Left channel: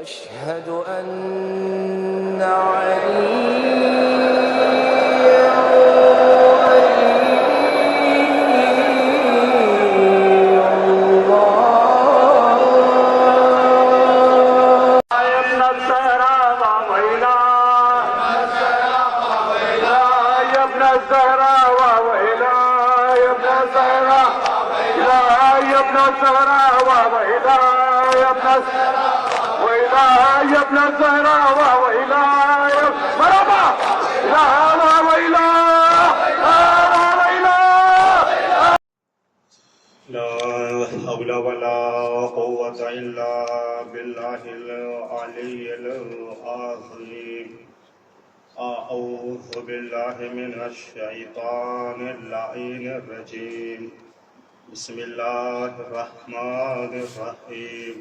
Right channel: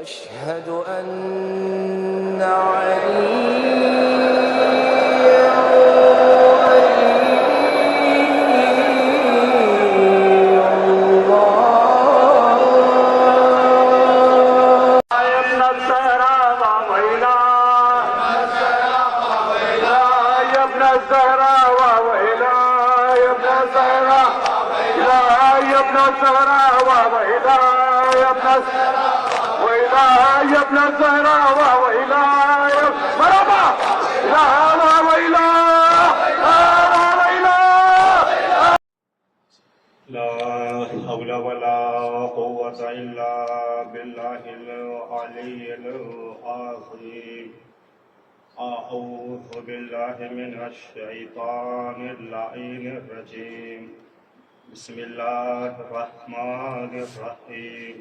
أشهد أن عليا يا ابن الزهراء وإلهي مرحبا لا وإله لا حول ولا قوة إلا بالله العلي العظيم أعوذ بالله من الشيطان اللعين الرجيم بسم الله الرحمن الرحيم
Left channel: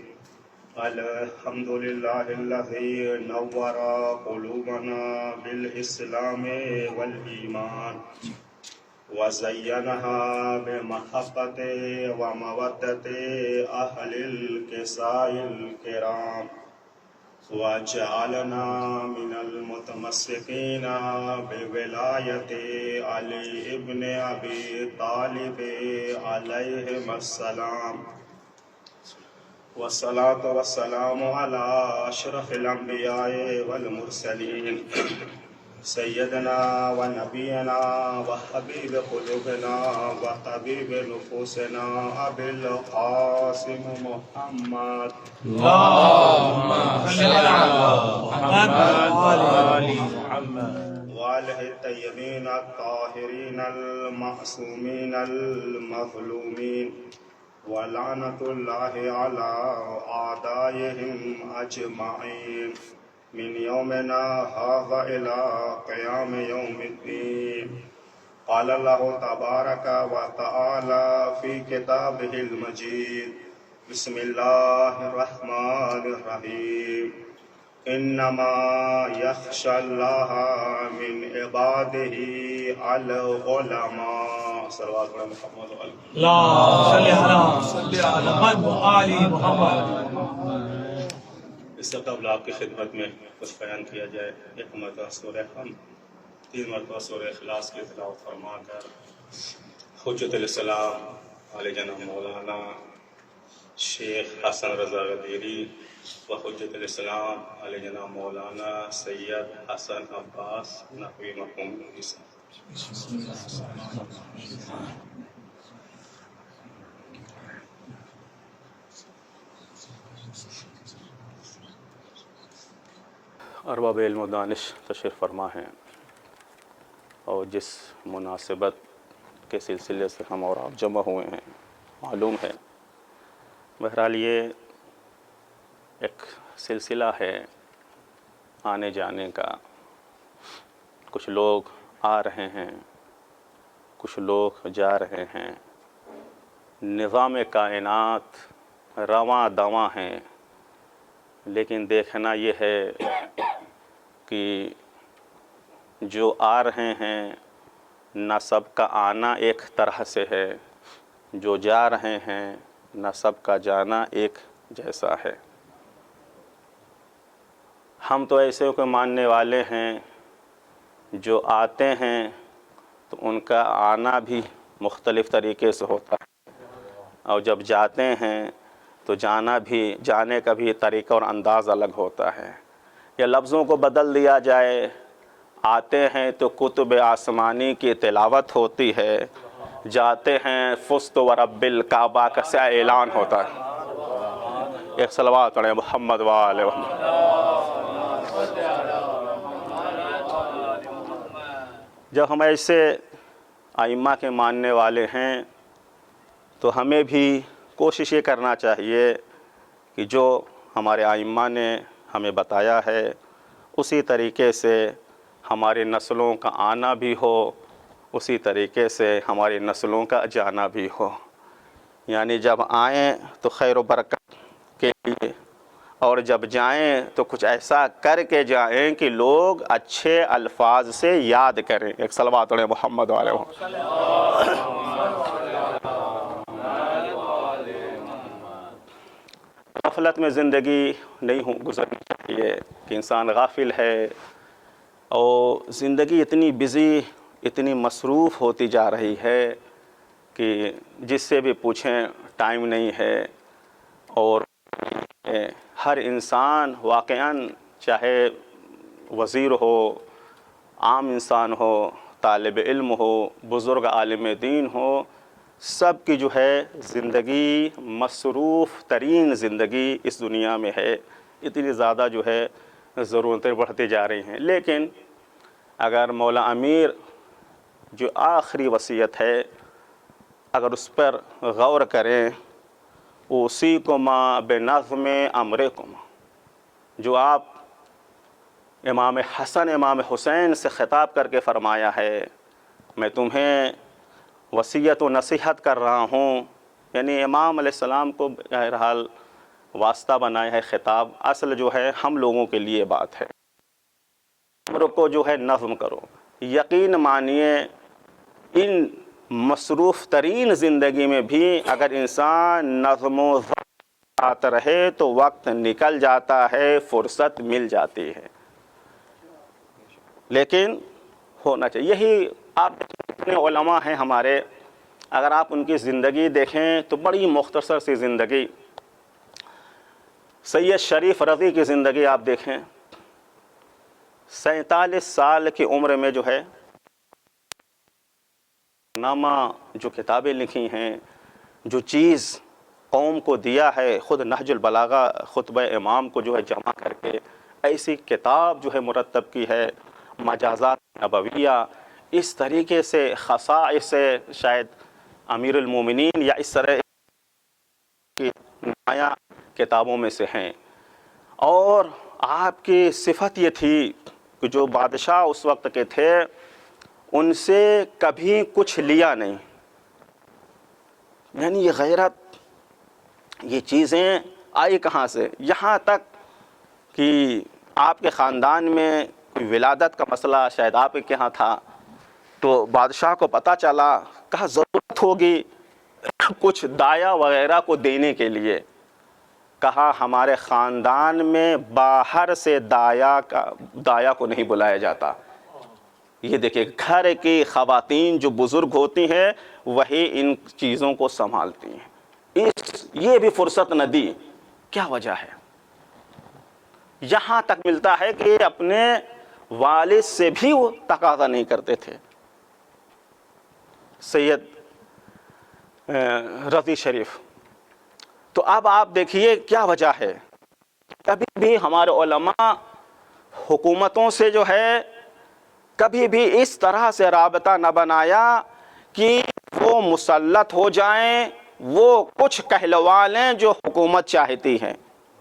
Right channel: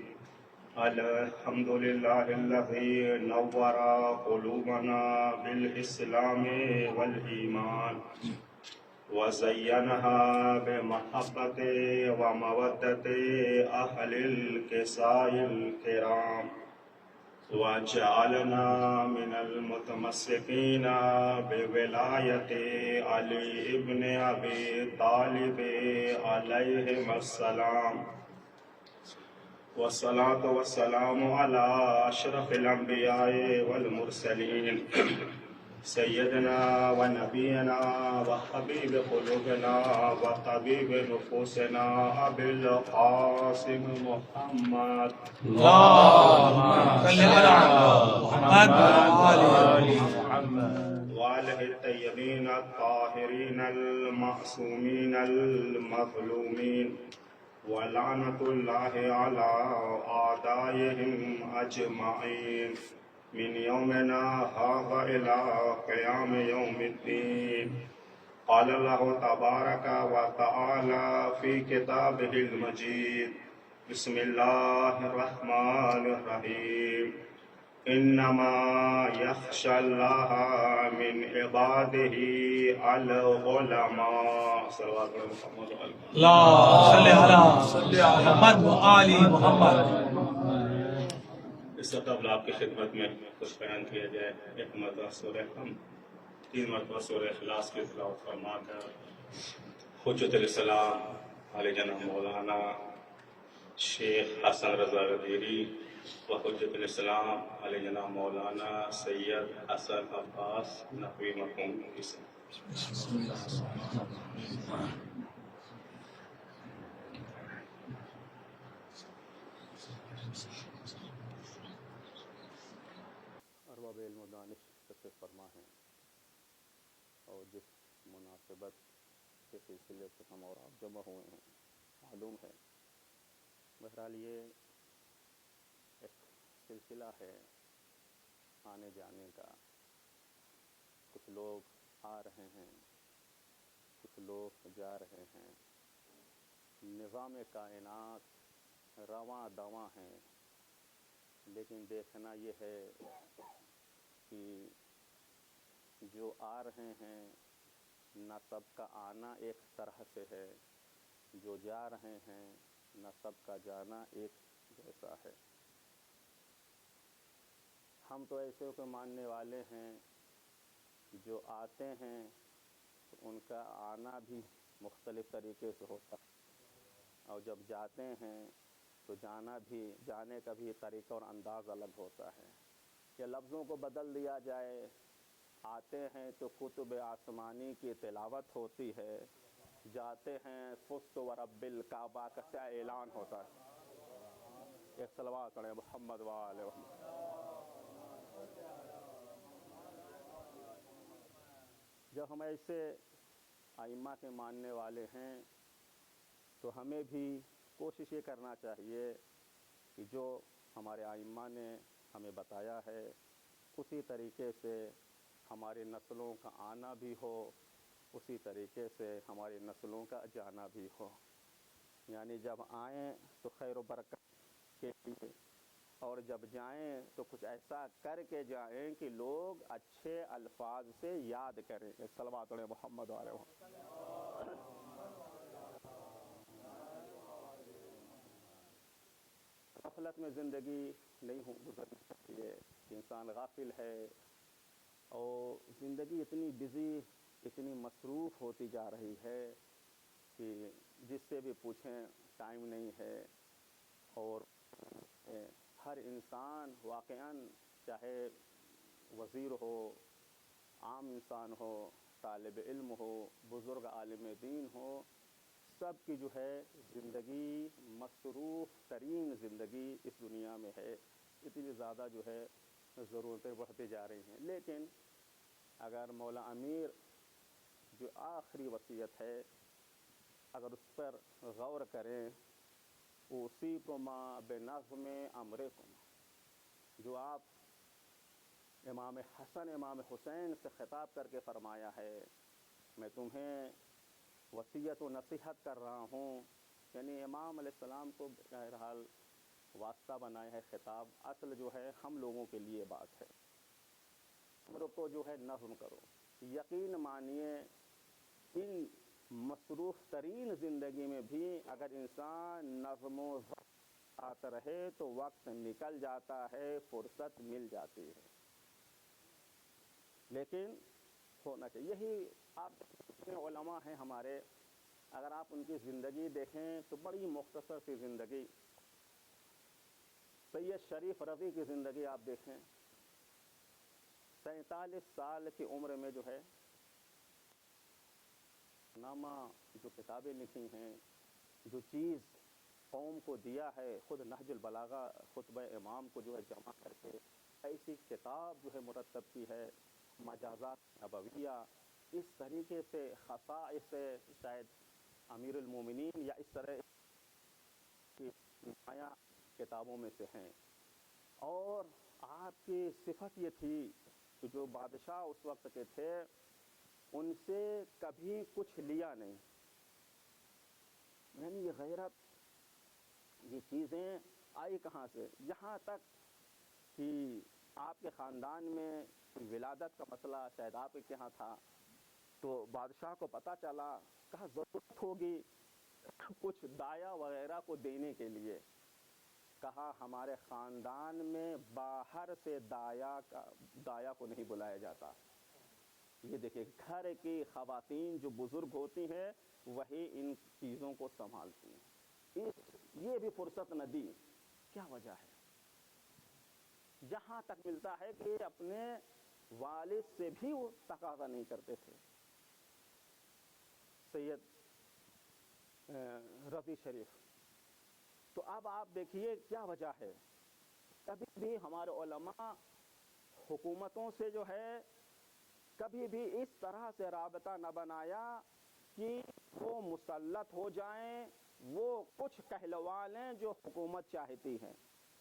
الحمد لله الذي نور قلوبنا بالإسلام والإيمان وزينها بمحبة ومودة أهل الكساء الكرام وجعلنا من المتمسكين بولاية علي ابن أبي طالب عليهم السلام والصلاة والسلام على أشرف الأنبياء والمرسلين سيدنا ونبينا وحبيب قلوبنا وطبيب نفوسنا أبي القاسم محمد اللهم صل على محمد وآله الطيبين الطاهرين المعصومين المظلومين ولعنة الله على أعدائهم أجمعين من يومنا هذا إلى قيام يوم الدين قال الله تبارك وتعالى في كتابه المجيد بسم الله الرحمن الرحيم إنما يخشى الله من عباده العلماء صلوات محمد اللهم صل على محمد وآل محمد. اس سے قبل آپ کی خدمت میں کچھ بیان کیا جائے. ایک مرتبہ سورہ حمد، 3 مرتبہ سورہ اخلاص کی تلاوت فرما کر حجت الاسلام علیہ جناب مولانا شیخ حسن رضا غدیری و حجت الاسلام علیہ جناب مولانا سید حسن عباس نحوی مرحوم کی سے ارباب علم و دانش تشریف فرما ہیں، اور جس مناسبت کے سلسلے سے ہم اور آپ جمع ہوئے ہیں معلوم ہے. بہرحال یہ ایک سلسلہ ہے آنے جانے کا. کچھ لوگ آ رہے ہیں، کچھ لوگ جا رہے ہیں. نظام کائنات رواں دواں ہیں، لیکن دیکھنا یہ ہے کہ جو آ رہے ہیں نہ سب کا آنا ایک طرح سے ہے، جو جا رہے ہیں نہ سب کا جانا ایک جیسا ہے. ہم تو ایسے کو ماننے والے ہیں جو آتے ہیں تو ان کا آنا بھی مختلف طریقے سے ہوتا ہے، اور جب جاتے ہیں تو جانے کا بھی طریقہ اور انداز الگ ہوتا ہے. یا لفظوں کو بدل دیا جائے، آتے ہیں تو کتب آسمانی کی تلاوت ہوتی ہے، جاتے ہیں فزت و رب الکعبہ کا سے اعلان ہوتا ہے. ایک صلوات پڑھیں محمد وآلہ محمد. جب ہم ایسے ائمہ کے ماننے والے ہیں تو ہمیں بھی کوشش یہ کرنا چاہیے کہ جو ہمارے ائمہ نے ہمیں بتایا ہے اسی طریقے سے ہماری نسلوں کا آنا بھی ہو، اسی طریقے سے ہماری نسلوں کا جانا بھی ہو. یعنی جب آئیں تو خیر و برکت کے لیے، اور جب جائیں تو کچھ ایسا کر کے جائیں کہ لوگ اچھے الفاظ سے یاد کریں. ایک صلوات پڑھیں محمد علیہ وسلم. غفلت میں زندگی نہیں گزرنی چاہیے کہ انسان غافل ہے اور زندگی اتنی بزی، اتنی مصروف ہوتی جا رہی ہے کہ جس سے بھی پوچھیں ٹائم نہیں ہے. اور ہر انسان واقعاً چاہے وزیر ہو، عام انسان ہو، طالب علم ہو، بزرگ عالم دین ہو، سب کی جو ہے زندگی مصروف ترین زندگی اس دنیا میں ہے. اتنی زیادہ جو ہے ضرورتیں بڑھتی جا رہی ہیں. لیکن اگر مولا امیر جو آخری وصیت ہے اگر اس پر غور کریں، اوصیکما بنظم امرکما، جو آپ امام حسن امام حسین سے خطاب کر کے فرمایا ہے، میں تمہیں وصیت و نصیحت کر رہا ہوں، یعنی امام علیہ السلام کو بہرحال واسطہ بنایا ہے خطاب. اصل جو ہے ہم لوگوں کے لیے بات ہے. عمر کو جو ہے نظم کرو. یقین مانیے ان مصروف ترین زندگی میں بھی اگر انسان نظم و ضبط رہے تو وقت نکل جاتا ہے، فرصت مل جاتی ہے. لیکن ہونا چاہیے. یہی آپ جتنے علماء ہیں ہمارے، اگر آپ ان کی زندگی دیکھیں تو بڑی مختصر سی زندگی. سید شریف رضی کی زندگی آپ دیکھیں، 47 سال کی عمر میں جو ہے نامہ جو کتابیں لکھی ہیں، جو چیز قوم کو دیا ہے، خود نہج البلاغہ خطبہ امام کو جو ہے جمع کر کے ایسی کتاب جو ہے مرتب کی ہے، مجازات نبویہ. اس طریقے سے خصائص سے شاید امیر المومنین یا اس طرح کی نمایاں کتابوں میں سے ہیں. اور آپ کی صفت یہ تھی کہ جو بادشاہ اس وقت کے تھے ان سے کبھی کچھ لیا نہیں. یعنی یہ غیرت، یہ چیزیں آئی کہاں سے؟ یہاں تک کہ آپ کے خاندان میں کوئی ولادت کا مسئلہ شاید آپ کے یہاں تھا تو بادشاہ کو پتہ چلا، کہا ضرورت ہوگی کچھ دایا وغیرہ کو دینے کے لیے. کہا ہمارے خاندان میں باہر سے دایا کو نہیں بلایا جاتا. یہ دیکھیں گھر کی خواتین جو بزرگ ہوتی ہیں وہی ان چیزوں کو سنبھالتی ہیں. یہ بھی فرصت نہ دی. کیا وجہ ہے؟ یہاں تک ملتا ہے کہ اپنے والد سے بھی وہ تقاضا نہیں کرتے تھے. سید رضی شریف. تو اب آپ دیکھیے کیا وجہ ہے. کبھی بھی ہمارے علماء حکومتوں سے جو ہے کبھی بھی اس طرح سے رابطہ نہ بنایا کہ وہ مسلط ہو جائیں، وہ کچھ کہلوا لیں جو حکومت چاہتی ہے.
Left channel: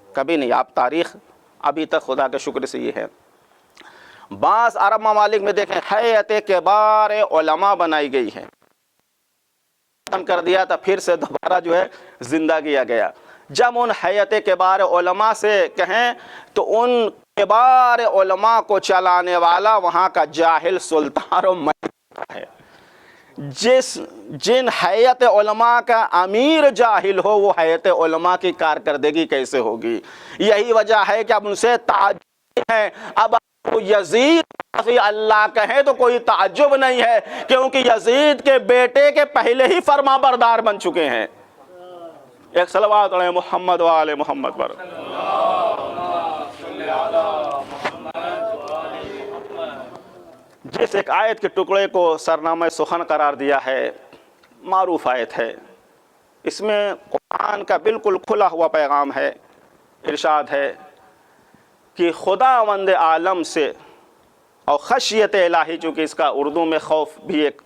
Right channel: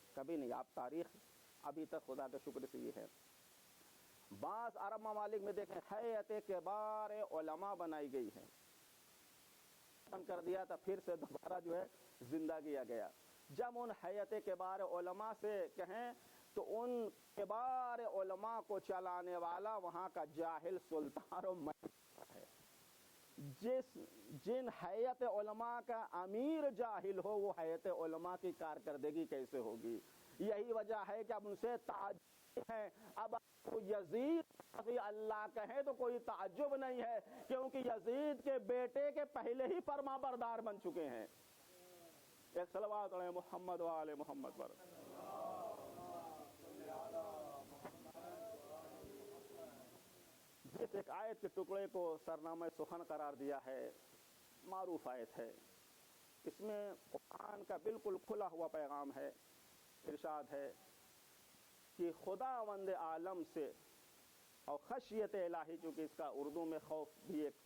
کبھی نہیں. آپ تاریخ ابھی تک خدا کے شکر سے یہ ہے. بعض عرب ممالک میں دیکھیں ہیئت کبار علماء بنائی گئی ہے، ختم کر دیا تھا، پھر سے دوبارہ جو ہے زندہ کیا گیا. جب ان ہیئت کبار علماء سے کہیں تو ان کبار علماء کو چلانے والا وہاں کا جاہل سلطان و ملک ہے. جن ہیئت علماء کا امیر جاہل ہو وہ ہیئت علماء کی کارکردگی کیسے ہوگی؟ یہی وجہ ہے کہ اب ان سے تعجب ہے. اب یزید اللہ کہیں تو کوئی تعجب نہیں ہے، کیونکہ یزید کے بیٹے کے پہلے ہی فرما بردار بن چکے ہیں. ایک صلوات علی محمد و آل محمد پر. جس ایک آیت کے ٹکڑے کو سرنامہ سخن قرار دیا ہے، معروف آیت ہے، اس میں قرآن کا بالکل کھلا ہوا پیغام ہے. ارشاد ہے کہ خداوند عالم سے، اور خشیت الہی، چونکہ اس کا اردو میں خوف بھی ایک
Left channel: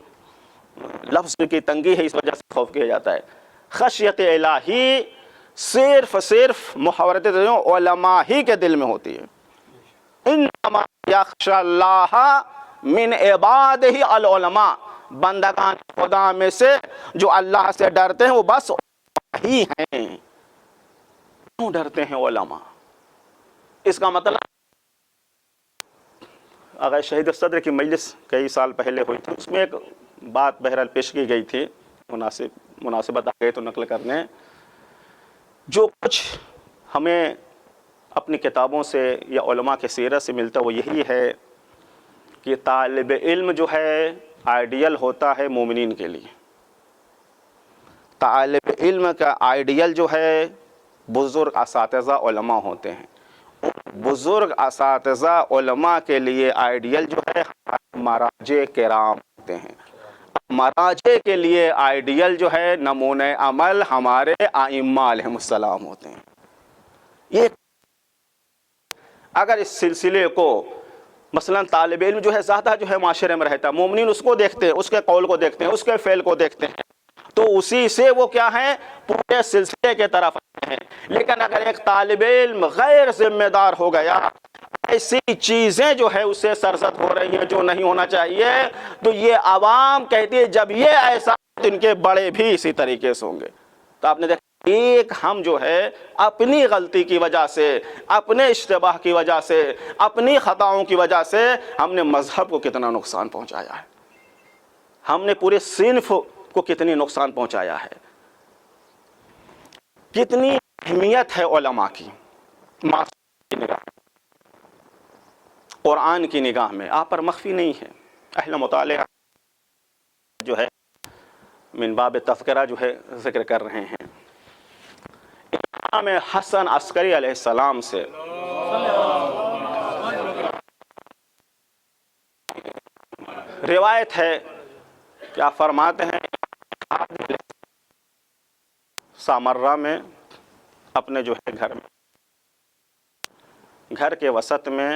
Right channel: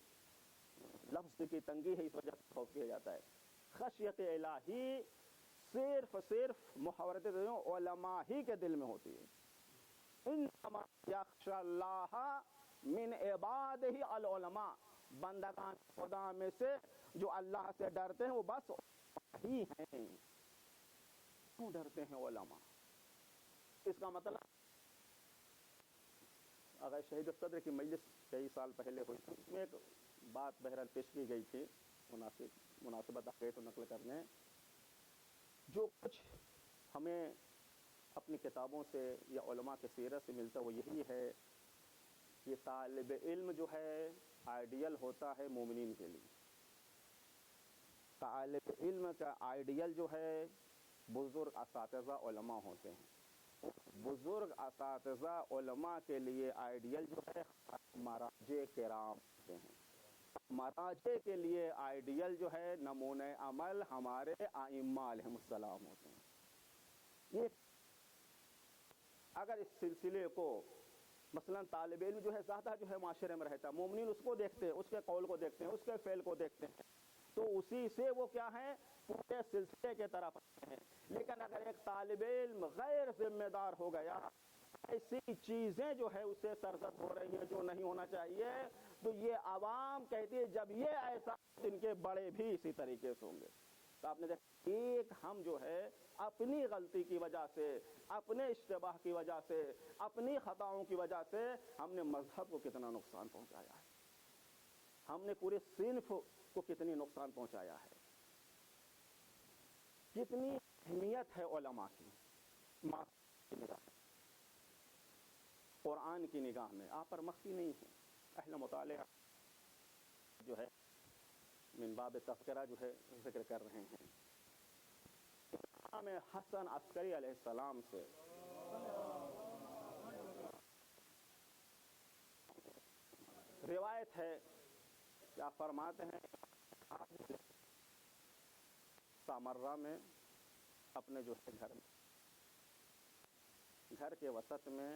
لفظ کی تنگی ہے، اس وجہ سے خوف کیا جاتا ہے. خشیت الہی صرف محاورت علماء ہی کے دل میں ہوتی ہے. انما یخشی اللہ من عبادہ العلماء. بندگان خدا میں سے جو اللہ سے ڈرتے ہیں وہ بس ہی ہیں. کیوں ڈرتے ہیں علماء؟ اس کا مطلب اگر شہید صدر کی مجلس کئی سال پہلے ہوئی تھی، اس میں ایک بات بہرحال پیش کی گئی تھی، مناسبت آ گئی تو نقل کرنے. جو کچھ ہمیں اپنی کتابوں سے یا علماء کے سیرت سے ملتا وہ یہی ہے کہ طالب علم جو ہے آئیڈیل ہوتا ہے مومنین کے لیے. طالب علم کا آئیڈیل جو ہے بزرگ اساتذہ علماء ہوتے ہیں. بزرگ اساتذہ علماء کے لیے آئیڈیل جو ہے مراجع کرام ہوتے ہیں. مراجع کے لیے آئیڈیل جو ہے نمونہ عمل ہمارے ائمہ علیہم السلام ہوتے ہیں. یہ اگر اس سلسلے کو مثلا طالب علم جو ہے زیادہ جو ہے معاشرے میں رہتا ہے، مومنین اس کو دیکھتے ہیں، اس کے قول کو دیکھتے ہیں، اس کے فعل کو دیکھتے ہیں، تو اسی سے وہ کیا ہیں پورے سلسلے کے طرف آتے ہیں. لیکن اگر ایک طالب علم غیر ذمہ دار ہو گیا، ایسی چیزیں جو ہے اسے سرزد ہو رہی ہیں جو نہیں ہونا چاہیے، تو یہ عوام کہتی ہے جب یہ ایسا تو ان کے بڑے بھی اسی طریقے سے ہوں گے. تو آپ نے دیکھا ایک ہم جو ہے اپنی غلطی کی وجہ سے، اپنے اشتباہ کی وجہ سے، اپنی خطاؤں کی وجہ سے ہم نے مذہب کو کتنا نقصان پہنچایا ہے، ہم نے پورے صنف کو کتنی نقصان پہنچایا ہے. کتنی اہمیت ہے علماء کی معصوم کی نگاہ، قرآن کی نگاہ میں آپ پر مخفی نہیں ہے. اہل مطالعہ جو ہے من باب تذکرہ جو ہے ذکر کر رہے ہیں امام حسن عسکری علیہ السلام سے روایت ہے کہ آپ فرماتے ہیں سامرہ میں اپنے جو ہے گھر کے وسط میں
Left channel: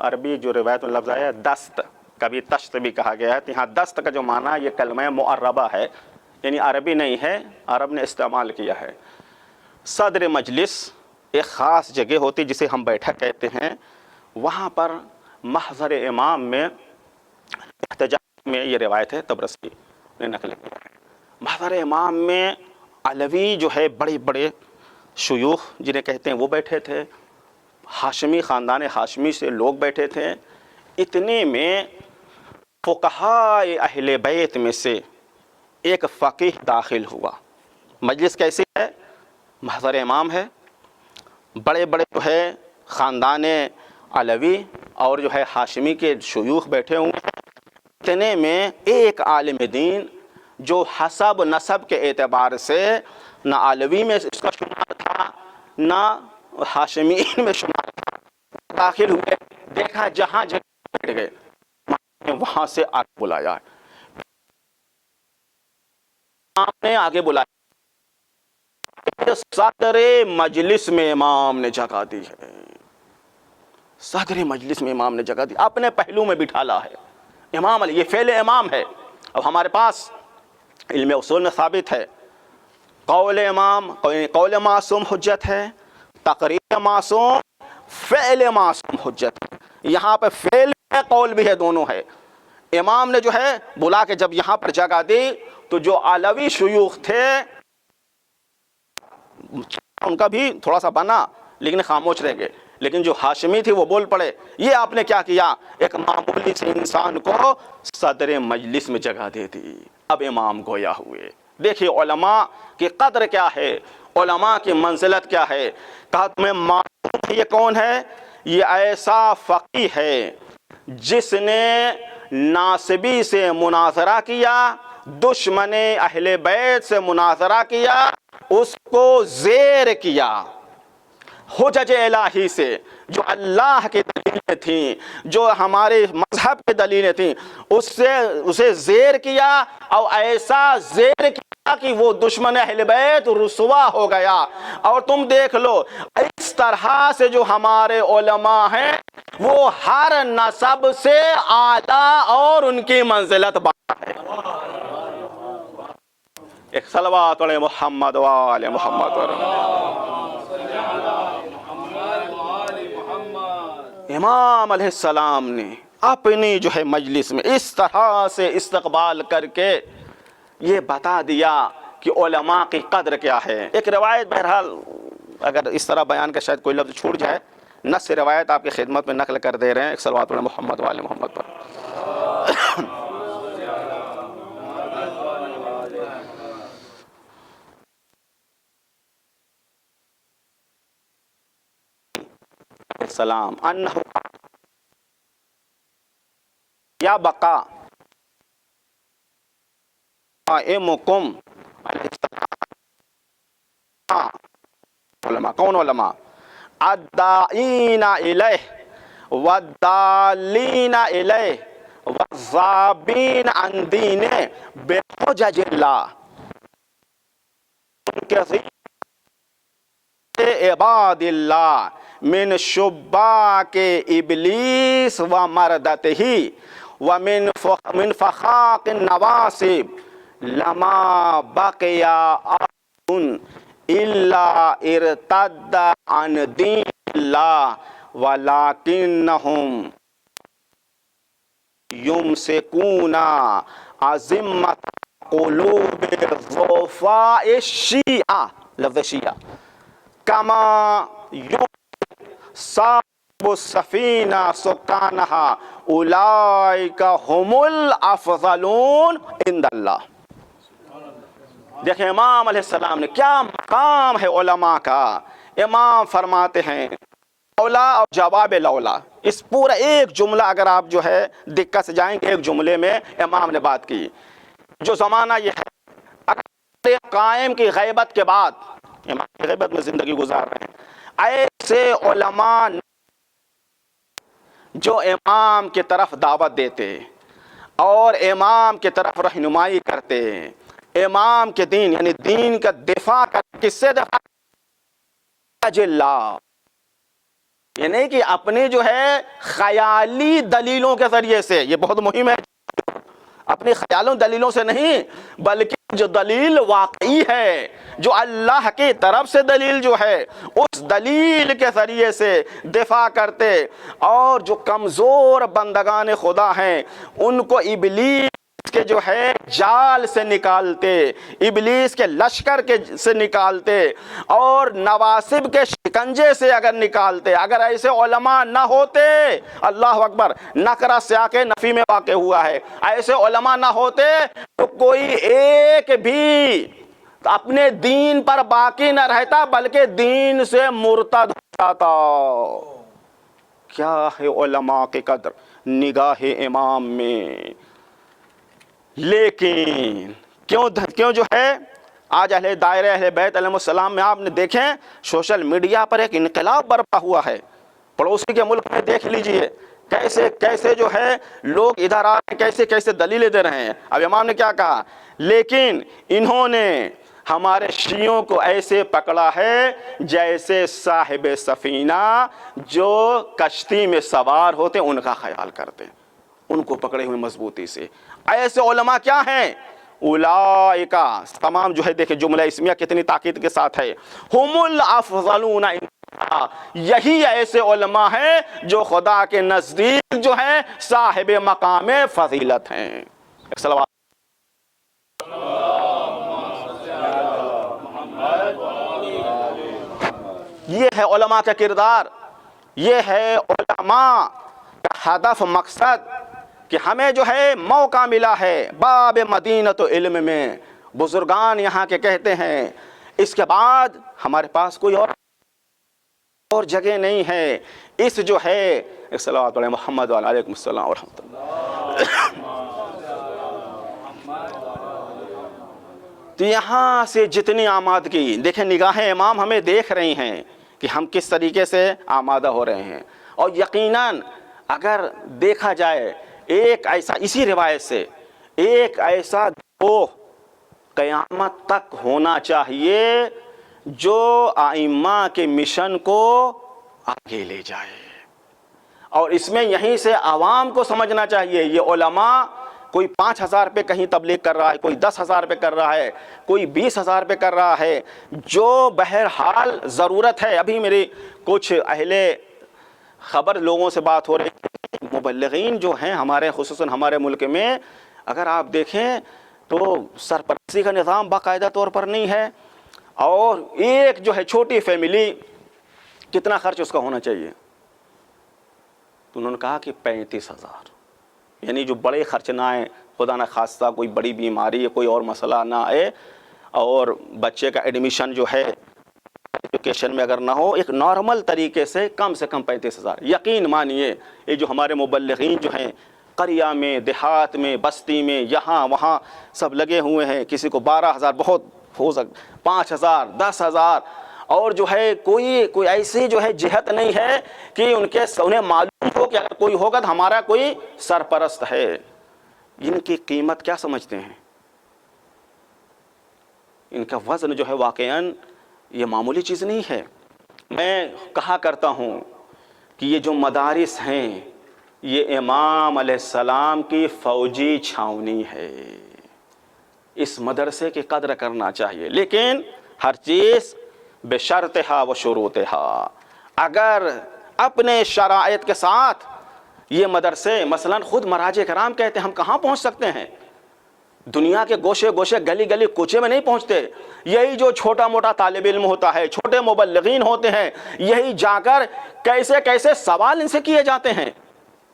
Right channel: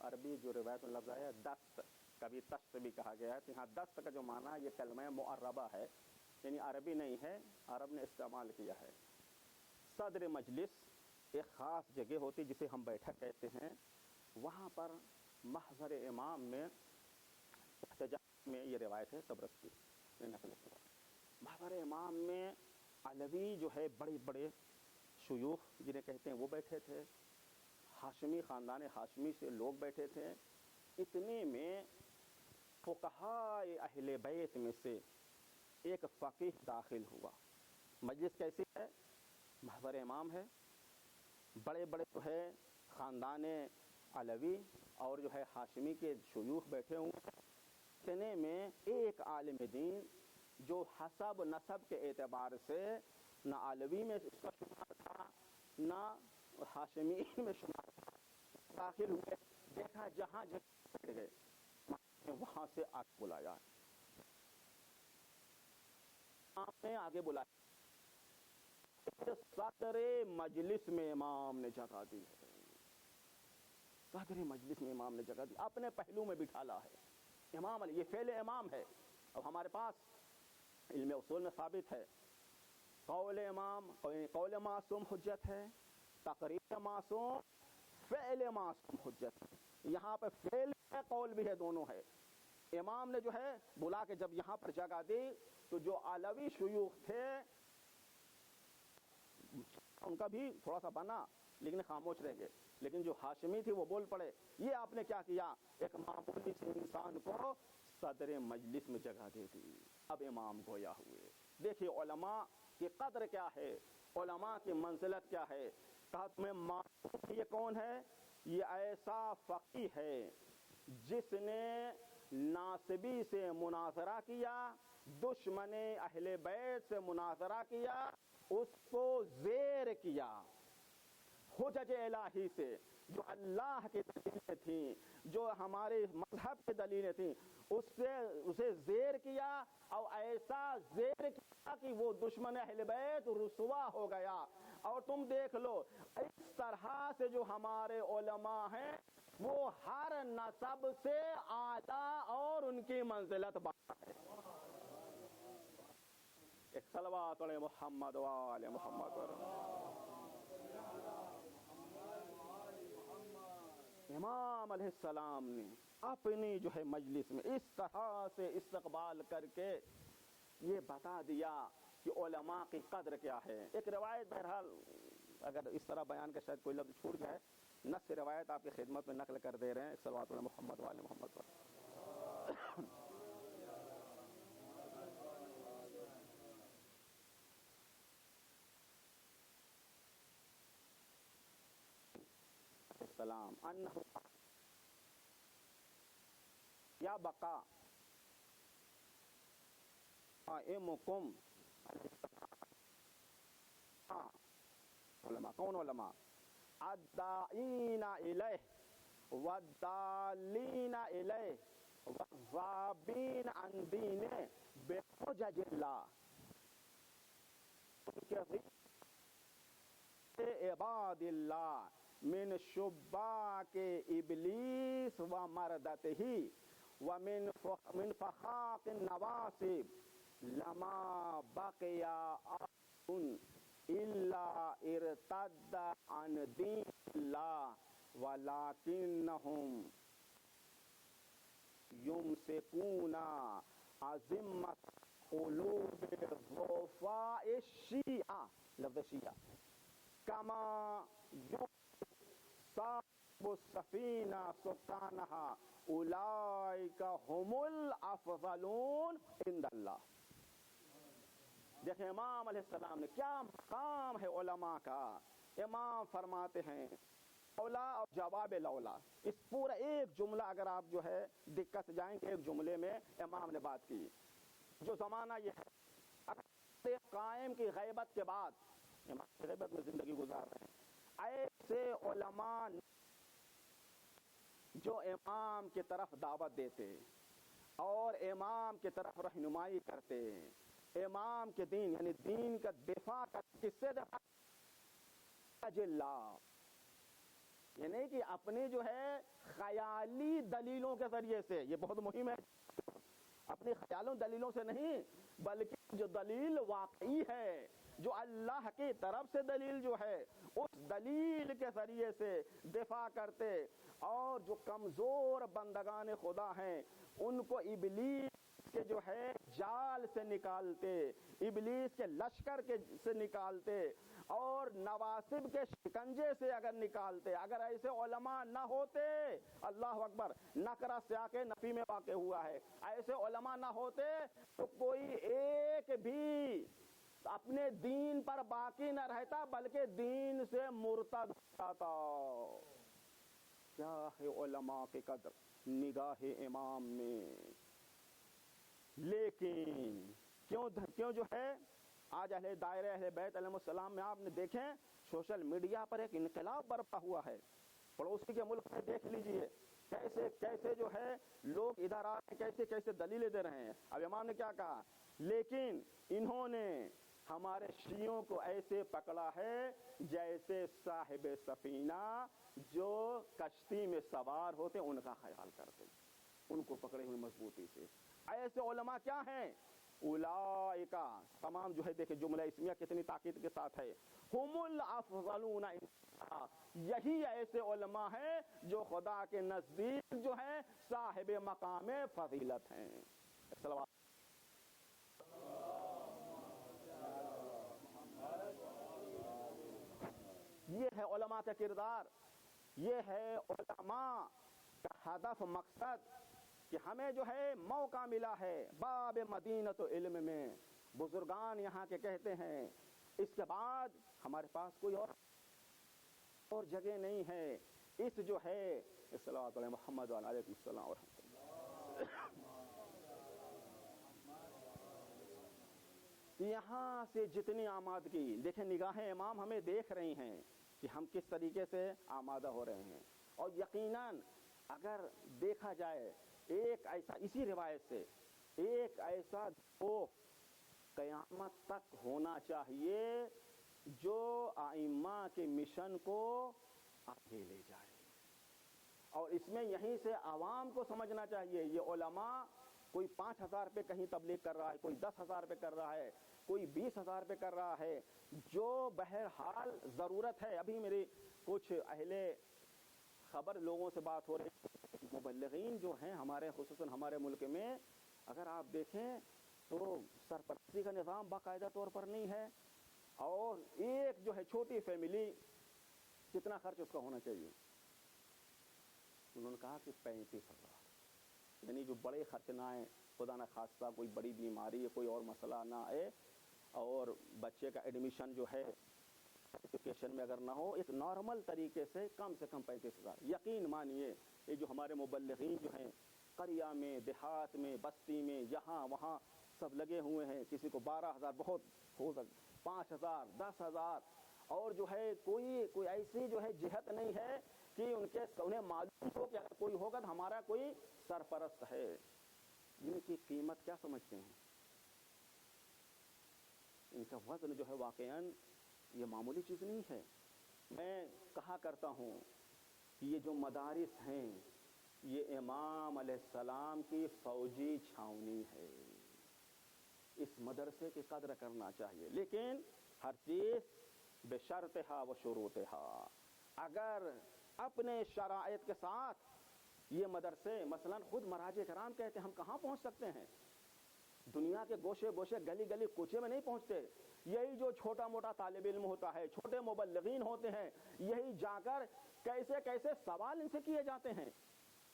عربی جو روایت میں لفظ آیا ہے دست، کبھی تشت بھی کہا گیا ہے. یہاں دست کا جو معنی یہ کلمہ معربہ ہے، یعنی عربی نہیں ہے، عرب نے استعمال کیا ہے. صدر مجلس ایک خاص جگہ ہوتی جسے ہم بیٹھک کہتے ہیں، وہاں پر محضر امام میں احتجاج میں یہ روایت ہے طبرسی نے نقل کیا ہے. محضر امام میں علوی جو ہے بڑے بڑے شیوخ جنہیں کہتے ہیں وہ بیٹھے تھے، ہاشمی خاندان ہاشمی سے لوگ بیٹھے تھے. اتنے میں فقہاء اہل بیت میں سے ایک فقیہ داخل ہوا. مجلس کیسی ہے؟ محضر امام ہے، بڑے بڑے جو ہے خاندان علوی اور جو ہے ہاشمی کے شیوخ بیٹھے ہوئے ہیں. اتنے میں ایک عالم دین جو حسب نسب کے اعتبار سے نہ علوی میں اس کا شمار تھا نہ ہاشمین میں شمار تھا، داخل ہوئے. دیکھا جہاں جگہ بیٹھ گئے، وہاں سے آگے بلایا، نے آگے بلایا. صدر مجلس میں امام نے جگہ دی ہے، صدر مجلس میں امام نے جگہ دی، اپنے پہلو میں بٹھالا ہے. امام علی، یہ فعل امام ہے. اب ہمارے پاس علم اصول میں ثابت ہے قول امام، قول معصوم حجت ہے، تقریر معصوم، فعل معصوم حجت ہے. یہاں پہ فعل ہے قول بھی ہے، دونوں ہے. امام نے جو ہے بلا کے جب یہاں پر جگہ دی تو جو علوی شیوخ تھے ان کا بھی تھوڑا سا بنا لیکن خاموش رہ گئے، لیکن جو ہاشمی تھی وہ بول پڑے. یہ آپ نے کیا کیا؟ ایک معمولی سے انسان کو صدر مجلس میں جگہ دے دی. اب امام گویا ہوئے. دیکھیے علماء کی قدر کیا ہے، علماء کی منزلت کیا ہے. کہا تمہیں معلوم یہ کون ہے؟ یہ ایسا فقیہ ہے جس نے ناصبی سے مناظرہ کیا، دشمن اہل بیت سے مناظرہ کیا، اس کو زیر کیا حجج الہی سے، جو اللہ کی دلیلیں تھیں، جو ہمارے مذہب کی دلیلیں تھیں، اسے زیر کیا، اور ایسا زیر کیا کہ وہ دشمن اہل بیت رسوا ہو گیا. اور تم دیکھ لو اس طرح سے جو ہمارے علماء ہیں وہ ہر نسب سے اعلیٰ اور ان کی منزلت بڑا ہے. ایک صلوات علی محمد و آل محمد. امام علیہ السلام نے اپنی جو ہے مجلس میں اس طرح سے استقبال کر کے یہ بتا دیا کہ علماء کی قدر کیا ہے. ایک روایت بہرحال اگر اس طرح بیان کا شاید کوئی لفظ چھوٹ جائے، نص روایت آپ کی خدمت میں نقل کر دے رہے ہیں. ایک صلوات علی محمد و آل محمد پر. السلام انہ یا بقا قائمکم علماء کون علماء الداعین الیہ والدالین الیہ والذابین عن دین بحجج اللہ عباد اللہ من شباک ابلیس و مردتہ ومن فخاق النواسب لما بقی احد الا ارتد عن دین اللہ ولکنہم یمسکون عظمت قلوب ضعفاء الشیعہ لفظ شیعہ کما صاحب السفینہ سکانہا اولئک هم الافضلون عند اللہ. دیکھیں امام علیہ السلام نے کیا مقام ہے علماء کا. امام فرماتے ہیں اولا اور جواب لولا. اس پورا ایک جملہ اگر آپ جو ہے دقت سے جائیں گے ایک جملے میں امام نے بات کی. جو زمانہ یہ ہے اگر قائم کی غیبت کے بعد امام کی غیبت میں زندگی گزار رہے ہیں ایسے علماء جو امام کی طرف دعوت دیتے اور امام کی طرف رہنمائی کرتے امام کے دین یعنی دین کا دفاع کر کس سے دفاع اللہ یہ نہیں کہ اپنی جو ہے خیالی دلیلوں کے ذریعے سے. یہ بہت مہم ہے اپنی خیالوں دلیلوں سے نہیں بلکہ جو دلیل واقعی ہے جو اللہ کی طرف سے دلیل جو ہے اس دلیل کے ذریعے سے دفاع کرتے. اور جو کمزور بندگان خدا ہیں ان کو ابلیس کے جو ہے جال سے نکالتے ابلیس کے لشکر کے سے نکالتے اور نواسب کے شکنجے سے اگر نکالتے. اگر ایسے علماء نہ ہوتے اللہ اکبر نکرہ سیاق نفی میں واقع ہوا ہے ایسے علماء نہ ہوتے تو کوئی ایک بھی اپنے دین پر باقی نہ رہتا بلکہ دین سے مرتد ہو جاتا. کیا ہے علماء کی قدر نگاہ امام میں. لیکن کیوں جو ہے آج اہل دائرہ اہل بیت علیہ السلام میں آپ نے دیکھیں سوشل میڈیا پر ایک انقلاب برپا ہوا ہے. پڑوسی کے ملک میں دیکھ لیجئے کیسے کیسے جو ہے لوگ ادھر آ رہے ہیں کیسے کیسے دلیلیں دے رہے ہیں. اب امام نے کیا کہا لیکن انہوں نے ہمارے شیعوں کو ایسے پکڑا ہے جیسے صاحب سفینہ جو کشتی میں سوار ہوتے ان کا خیال کرتے ان کو پکڑے ہوئے مضبوطی سے. ایسے علماء کیا ہیں اولائکا تمام جو ہے دیکھیں جملہ اسمیہ کتنی تاکید کے ساتھ ہے ہم الافضلون یہی ایسے علماء ہیں جو خدا کے نزدیک جو ہیں صاحب مقام فضیلت ہیں. ایک صلوات یہ ہے علماء کا کردار. یہ ہے علماء کا ہدف مقصد کہ ہمیں جو ہے موقع ملا ہے باب مدینۃ علم میں. بزرگان یہاں کے کہتے ہیں اس کے بعد ہمارے پاس کوئی اور جگہ نہیں ہے. اس جو ہے صلوات علی محمد وعلی علیکم السلام ورحمۃ اللہ. تو یہاں سے جتنی آمادگی دیکھیں نگاہ امام ہمیں دیکھ رہی ہیں کہ ہم کس طریقے سے آمادہ ہو رہے ہیں. اور یقیناً اگر دیکھا جائے ایک ایسا اسی روایت سے ایک ایسا گروہ قیامت تک ہونا چاہیے جو ائمہ کے مشن کو آگے لے جائے. اور اس میں یہیں سے عوام کو سمجھنا چاہیے یہ علماء کوئی 5,000 پہ کہیں تبلیغ کر رہا ہے کوئی 10,000 پہ کر رہا ہے کوئی 20,000 پہ کر رہا ہے جو بہرحال ضرورت ہے. ابھی میری کچھ اہل خبر لوگوں سے بات ہو رہی ہے مبلغین جو ہیں ہمارے خصوصاً ہمارے ملک میں اگر آپ دیکھیں تو سرپرستی کا نظام باقاعدہ طور پر نہیں ہے. اور ایک جو ہے چھوٹی فیملی کتنا خرچ اس کا ہونا چاہیے تو انہوں نے کہا کہ 35,000 یعنی جو بڑے خرچ نہ آئے خدا نہ خواستہ کوئی بڑی بیماری کوئی اور مسئلہ نہ آئے اور بچے کا ایڈمیشن جو ہے ایجوکیشن میں اگر نہ ہو، ایک نارمل طریقے سے کم 35,000. یقین مانیے یہ جو ہمارے مبلغین جو ہیں قریہ میں، دیہات میں، بستی میں، یہاں وہاں سب لگے ہوئے ہیں، کسی کو 12,000 بہت ہو سکتا، 5,000 10,000، اور جو ہے کوئی ایسی جو ہے جہت نہیں ہے کہ انہیں معلوم ہو کہ اگر کوئی ہوگا تو ہمارا کوئی سرپرست ہے. ان کی قیمت کیا سمجھتے ہیں؟ ان کا وزن جو ہے واقعاً یہ معمولی چیز نہیں ہے. میں کہا کرتا ہوں کہ یہ جو مدارس ہیں یہ امام علیہ السلام کی فوجی چھاونی ہے. اس مدرسے کی قدر کرنا چاہیے، لیکن ہر چیز بشرطہا و شروطہا. اگر اپنے شرائط کے ساتھ یہ مدرسے، مثلا خود مراجع کرام کہتے ہیں ہم کہاں پہنچ سکتے ہیں؟ دنیا کے گوشے گوشے گلی گلی کوچے میں نہیں پہنچتے. یہی جو چھوٹا موٹا طالب علم ہوتا ہے، چھوٹے مبلغین ہوتے ہیں، یہی جا کر کیسے کیسے سوال ان سے کیے جاتے ہیں.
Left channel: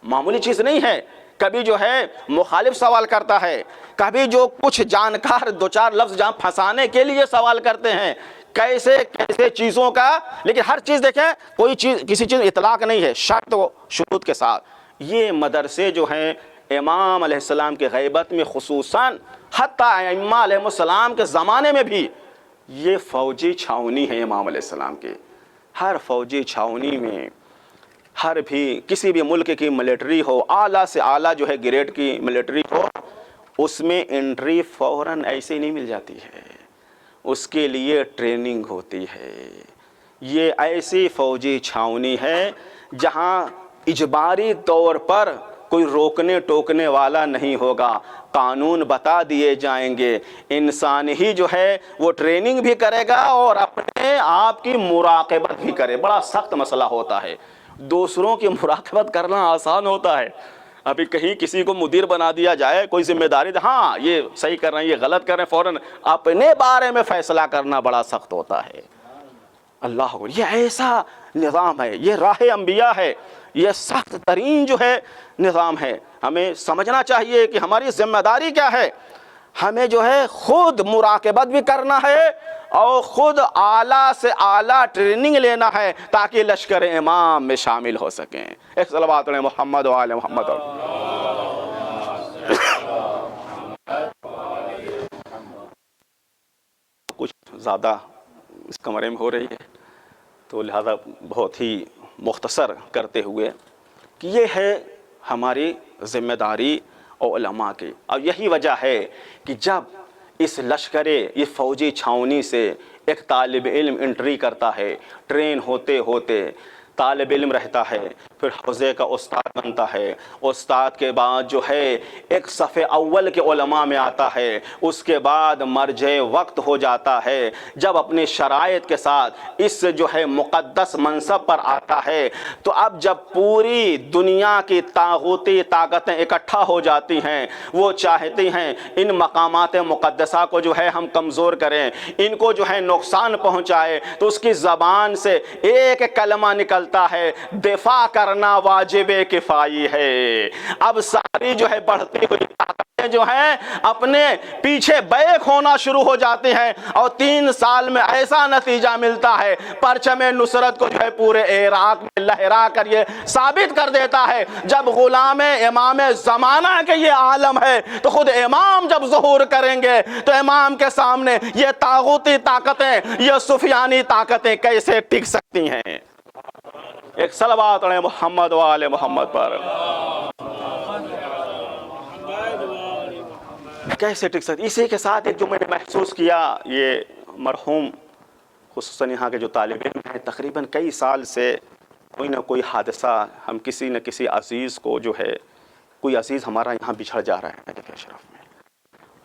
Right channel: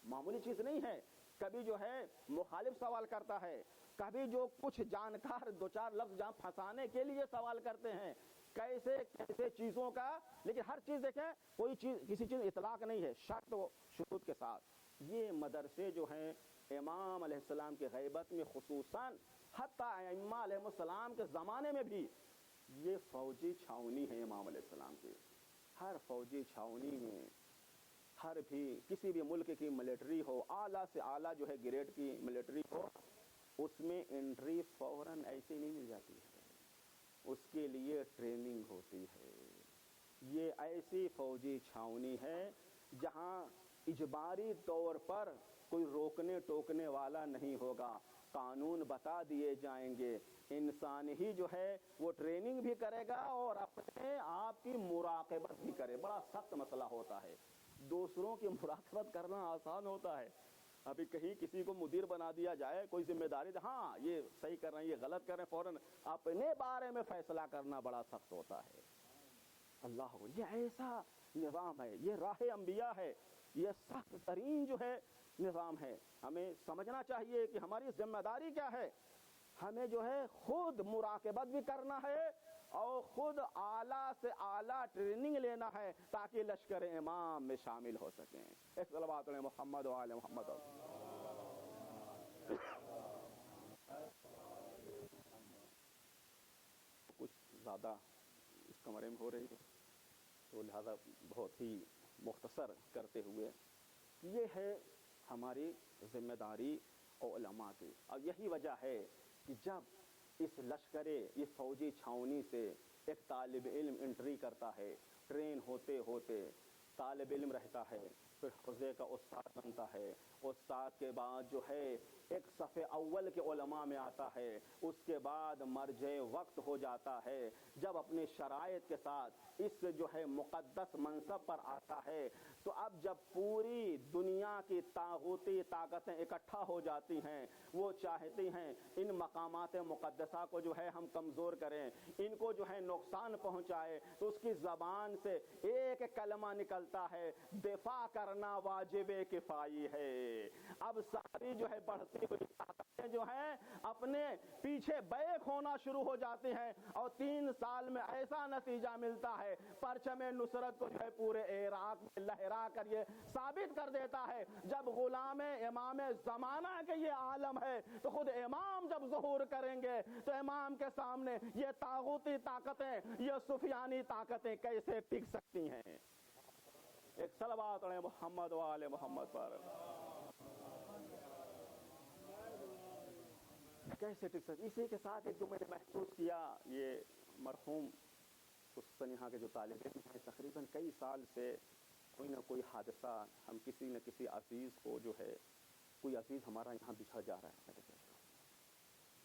معمولی چیز نہیں ہے. کبھی جو ہے مخالف سوال کرتا ہے، کبھی جو کچھ جانکار دو چار لفظ جہاں پھنسانے کے لیے سوال کرتے ہیں، کیسے کیسے چیزوں کا. لیکن ہر چیز دیکھیں، کوئی چیز کسی چیز اطلاق نہیں ہے، شرط و شروط کے ساتھ. یہ مدرسے جو ہیں امام علیہ السلام کے غیبت میں خصوصاً، حتیٰ ائمہ علیہ السلام کے زمانے میں بھی یہ فوجی چھاونی ہے امام علیہ السلام کے. ہر فوجی چھاونی میں ہر بھی کسی بھی ملک کی ملٹری ہو، اعلیٰ سے اعلیٰ جو ہے گریڈ کی ملٹری ہو، اس میں انٹری فوراً ایسے نہیں مل جاتی ہے. اس کے لیے ٹریننگ ہوتی ہے. یہ ایسی فوجی چھاونی ہے جہاں اجباری طور پر کوئی روکنے ٹوکنے والا نہیں ہوگا. قانون بتا دیے جائیں گے، انسان ہی جو ہے وہ ٹریننگ بھی کرے گا اور اپنے آپ کی مراقبت بھی کرے. بڑا سخت مسئلہ ہوتا ہے. دوسروں کی مراقبت کرنا آسان ہوتا ہے. ابھی کہیں کسی کو مدیر بنا دیا جائے، کوئی ذمہ داری دے، ہاں یہ صحیح کر رہے ہیں، یہ غلط کر رہے ہیں، فوراً اپنے بارے میں فیصلہ کرنا بڑا سخت ہوتا ہے. اللہ اکبر، یہ ایسا نظام ہے، یہ راہ انبیاء ہے، یہ سخت ترین جو ہے نظام ہے. ہمیں سمجھنا چاہیے کہ ہماری ذمہ داری کیا ہے. ہمیں جو ہے خود مراقبت بھی کرنا ہے اور خود اعلیٰ سے اعلیٰ ٹریننگ لینا ہے تاکہ لشکر امام میں شامل ہو سکیں. ایک صلوات علی محمد و آل محمد. کچھ زیادہ اس کمرے میں ہو رہی ہے تو لہذا بہت ہی مختصر کرتے ہوئے کہ یہ ہے ہماری ذمہ داری اور علماء کی. اور یہی وجہ ہے کہ جب اس لشکر یہ فوجی چھاونی سے ایک طالب علم انٹری کرتا ہے، ٹرین ہوتے ہوتے طالب علم رہتا ہے، پھر حوزے کا استاد بنتا ہے، استاد کے بعد جو ہے ایک صف اول کے علماء میں آتا ہے، اس کے بعد مرجع وقت ہو جاتا ہے. جب اپنی شرائط کے ساتھ اس جو ہے مقدس منصب پر آتا ہے تو اب جب پوری دنیا کی طاغوتی طاقتیں اکٹھا ہو جاتی ہیں، وہ چاہتی ہیں ان مقامات مقدسہ کو جو ہے ہم کمزور کریں، ان کو جو ہے نقصان پہنچائے، تو اس کی زبان سے ایک کلمہ نکلتا ہے، دفاع کرنا واجب کفائی ہے. اب ساری جو ہے بڑھتی ہوئی طاقتیں جو ہیں اپنے پیچھے بیک ہونا شروع ہو جاتی ہیں، اور 3 سال میں ایسا نتیجہ ملتا ہے پرچم نصرت کو جو ہے پورے عراق میں لہرا کر یہ ثابت کر دیتا ہے. جب غلام امام زمانہ کے یہ عالم ہے تو خود امام جب ظہور کریں گے تو امام کے سامنے یہ طاغوتی طاقتیں، یہ سفیانی طاقتیں کیسے ٹک سکتی ہیں. ایک صلوات علی محمد و آل محمد پر. کیسے ٹک سکتی. اسی کے ساتھ ایک جو میں نے محسوس کیا، یہ مرحوم خصوصاً یہاں کے جو طالب علم ہیں تقریباً کئی سال سے کوئی نہ کوئی حادثہ، ہم کسی نہ کسی عزیز کو جو ہے، کوئی عزیز ہمارا یہاں بچھڑ جا رہا ہے میرے اشرف میں.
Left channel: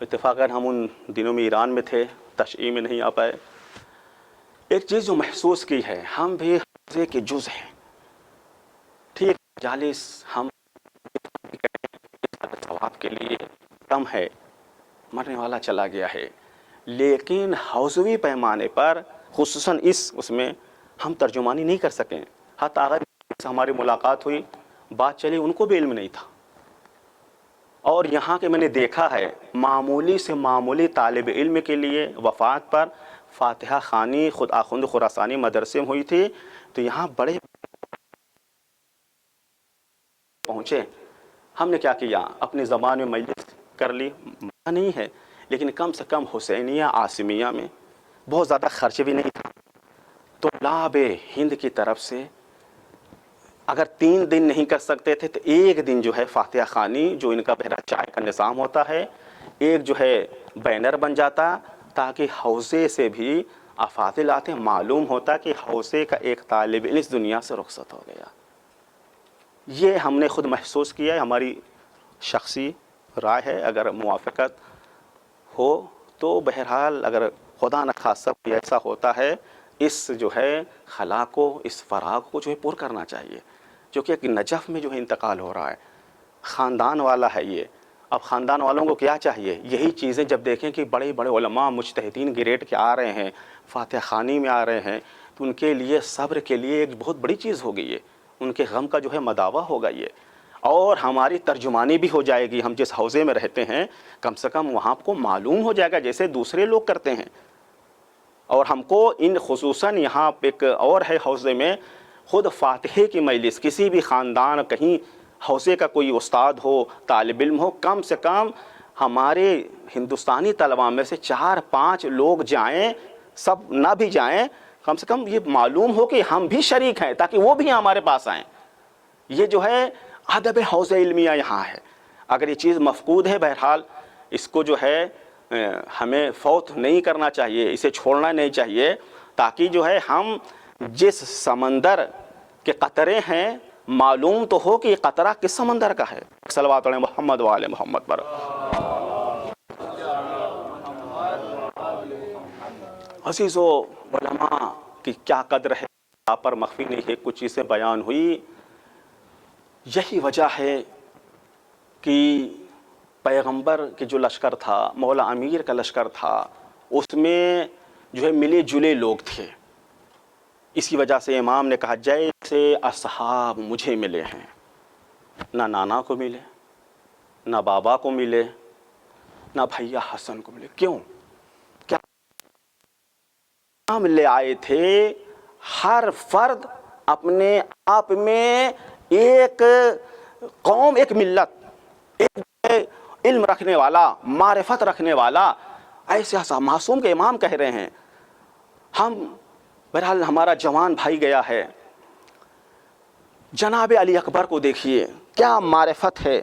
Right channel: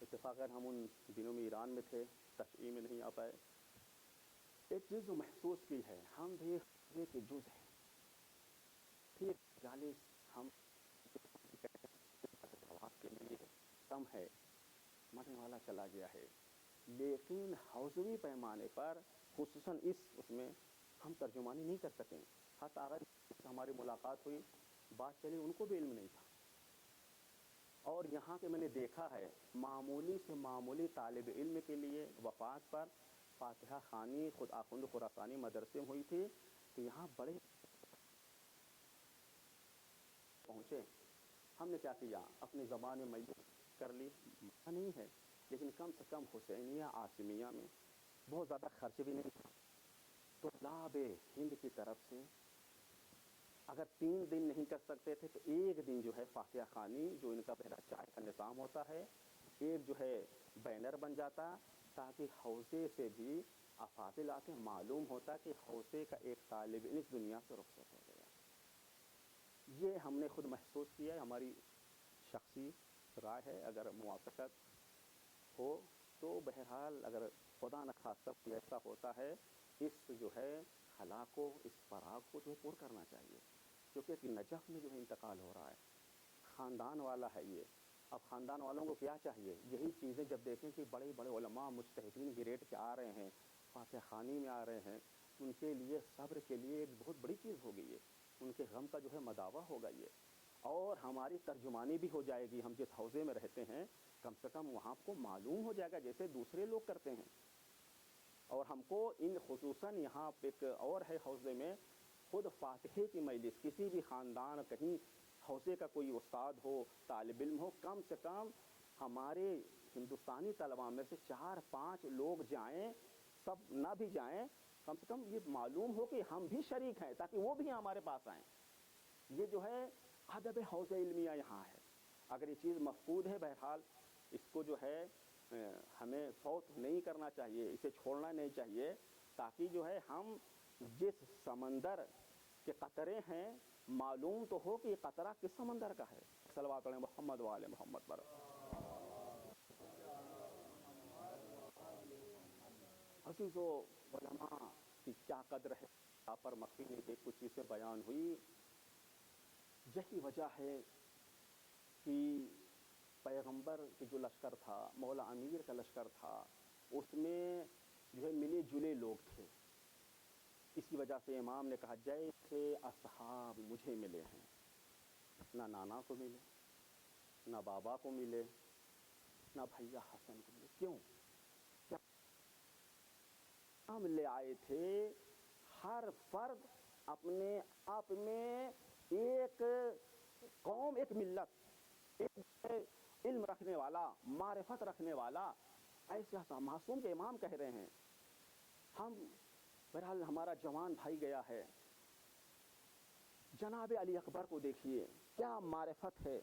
اتفاقاً ہم ان دنوں میں ایران میں تھے، تشییع میں نہیں آ پائے. ایک چیز جو محسوس کی ہے، ہم بھی حوزے کے جز ہیں. ٹھیک جالس ہم ثواب کے لیے کم ہے، مرنے والا چلا گیا ہے، لیکن حوزوی پیمانے پر خصوصاً اس میں ہم ترجمانی نہیں کر سکیں. حتیٰ اگر ہماری ملاقات ہوئی، بات چلی، ان کو بھی علم نہیں تھا. اور یہاں کے میں نے دیکھا ہے معمولی سے معمولی طالب علم کے لیے وفات پر فاتحہ خوانی خود آخوند خراسانی مدرسے میں ہوئی تھی، تو یہاں بڑے پہنچے. ہم نے کیا کیا؟ اپنی زبان میں مجلس کر لی، منع نہیں ہے، لیکن کم سے کم حسینیہ عاصمیہ میں بہت زیادہ خرچ بھی نہیں تھا. طلاب ہند کی طرف سے اگر 3 دن نہیں کر سکتے تھے تو 1 دن جو ہے فاتحہ خوانی، جو ان کا بہرا چائے کا نظام ہوتا ہے، ایک جو ہے بینر بن جاتا تاکہ حوزے سے بھی افاضل آتے، معلوم ہوتا کہ حوزے کا ایک طالب علم اس دنیا سے رخصت ہو گیا. یہ ہم نے خود محسوس کیا ہے، ہماری شخصی رائے ہے. اگر موافقت ہو تو بہرحال اگر خدا نخواستہ کوئی ایسا ہوتا ہے، اس جو ہے خلا کو، اس فراغ کو جو ہے پر کرنا چاہیے، جو کہ ایک نجف میں جو ہے انتقال ہو رہا ہے. خاندان والا ہے یہ. اب خاندان والوں کو کیا چاہیے؟ یہی چیزیں جب دیکھیں کہ بڑے بڑے علماء مجتہدین گریڈ کے آ رہے ہیں، فاتحہ خوانی میں آ رہے ہیں، تو ان کے لیے صبر کے لیے ایک بہت بڑی چیز ہو گئی ہے. ان کے غم کا جو ہے مداوع ہوگا یہ، اور ہماری ترجمانی بھی ہو جائے گی. ہم جس حوزے میں رہتے ہیں کم سے کم وہاں کو معلوم ہو جائے گا جیسے دوسرے لوگ کرتے ہیں. اور ہم کو ان خصوصاً یہاں ایک اور ہے حوزے میں، خود فاتحے کی مجلس کسی بھی خاندان، کہیں حوزے کا کوئی استاد ہو، طالب علم ہو، کم سے کم ہمارے ہندوستانی طلباء میں سے 4-5 لوگ جائیں، سب نہ بھی جائیں، کم سے کم یہ معلوم ہو کہ ہم بھی شریک ہیں تاکہ وہ بھی ہمارے پاس آئیں. یہ جو ہے ادب حوزہ علمیہ یہاں ہے. اگر یہ چیز مفقود ہے، بہرحال اس کو جو ہے ہمیں فوت نہیں کرنا چاہیے، اسے چھوڑنا نہیں چاہیے، تاکہ جو ہے ہم جس سمندر کے قطرے ہیں معلوم تو ہو کہ یہ قطرہ کس سمندر کا ہے. صلوات علی محمد و آل محمد پر. عزیزو، علماء کی کیا قدر ہے آپ پر مخفی نہیں ہے. کچھ چیزیں بیان ہوئی. یہی وجہ ہے کہ پیغمبر کے جو لشکر تھا، مولا امیر کا لشکر تھا، اس میں جو ہے ملے جلے لوگ تھے. اسی وجہ سے امام نے کہا جیسے اصحاب مجھے ملے ہیں، نہ نانا کو ملے، نہ بابا کو ملے، نہ بھیا حسن کو ملے. کیوں؟ کیا ہم لے آئے تھے؟ ہر فرد اپنے آپ میں ایک قوم، ایک ملت، ایک علم رکھنے والا، معرفت رکھنے والا، ایسے معصوم کے امام کہہ رہے ہیں. ہم بہرحال ہمارا جوان بھائی گیا ہے، جناب علی اکبر کو دیکھیے کیا معرفت ہے.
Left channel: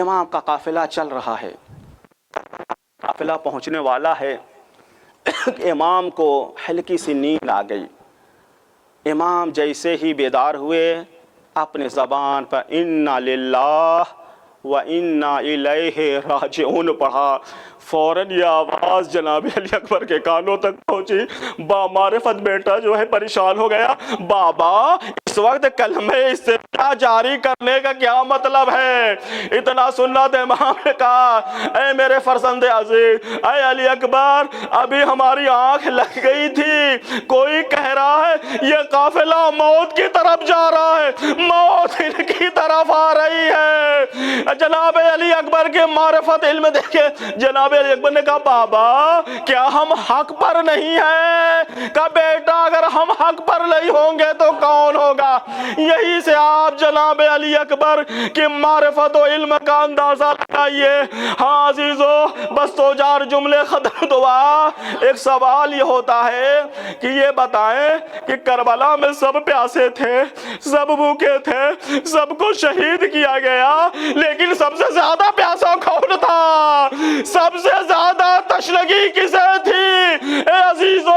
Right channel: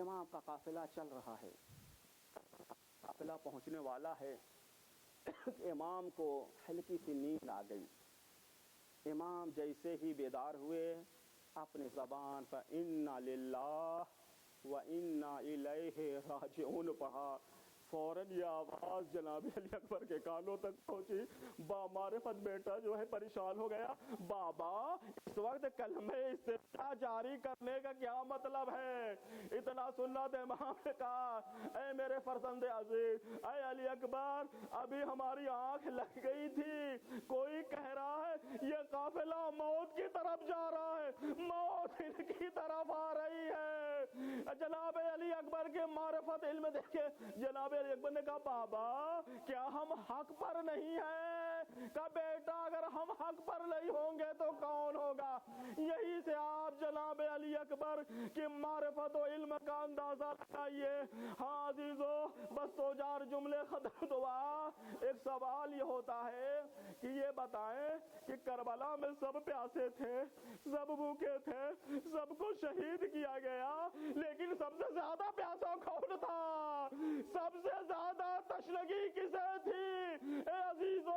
امام کا قافلہ چل رہا ہے، قافلہ پہنچنے والا ہے. امام کو ہلکی سی نیند آ گئی. امام جیسے ہی بیدار ہوئے، اپنے زبان پر انا للہ و انا الیہ راجعون پڑھا. فوراً یہ آواز جناب علی اکبر کے کانوں تک پہنچی. با معرفت بیٹا جو ہے پریشان ہو گیا. بابا اس وقت کلمہ استفتاح جاری کرنے کا کیا مطلب ہے؟ اتنا سننا تو امام نے کہا اے میرے فرزند عزیز، اے علی اکبر، ابھی ہماری آنکھ لگ گئی تھی. کوئی کہہ رہا ہے یہ قافلہ موت کی طرف جا رہا ہے، موت ان کی طرف آ رہی ہے. جناب علی اکبر کے معرفت علم دیکھے. جناب علی اکبر نے کہا بابا کیا ہم حق پر نہیں ہیں؟ کہا بیٹا اگر ہم حق پر نہیں ہوں گے تو کون ہوگا؟ یہی سے آپ جناب علی اکبر کی معرفت و علم کا اندازہ لگائیے. ہاں عزیزو، بس تو چار جملے ختم دعا. ایک سوال یہ ہوتا ہے کہ یہ بتائیں کہ کربلا میں سب پیاسے تھے، سب بھوکے تھے، سب کو شہید کیا گیا، لیکن سب سے زیادہ پیاسا کون تھا؟ سب سے زیادہ تشنگی کسے تھی؟ اے عزیزو،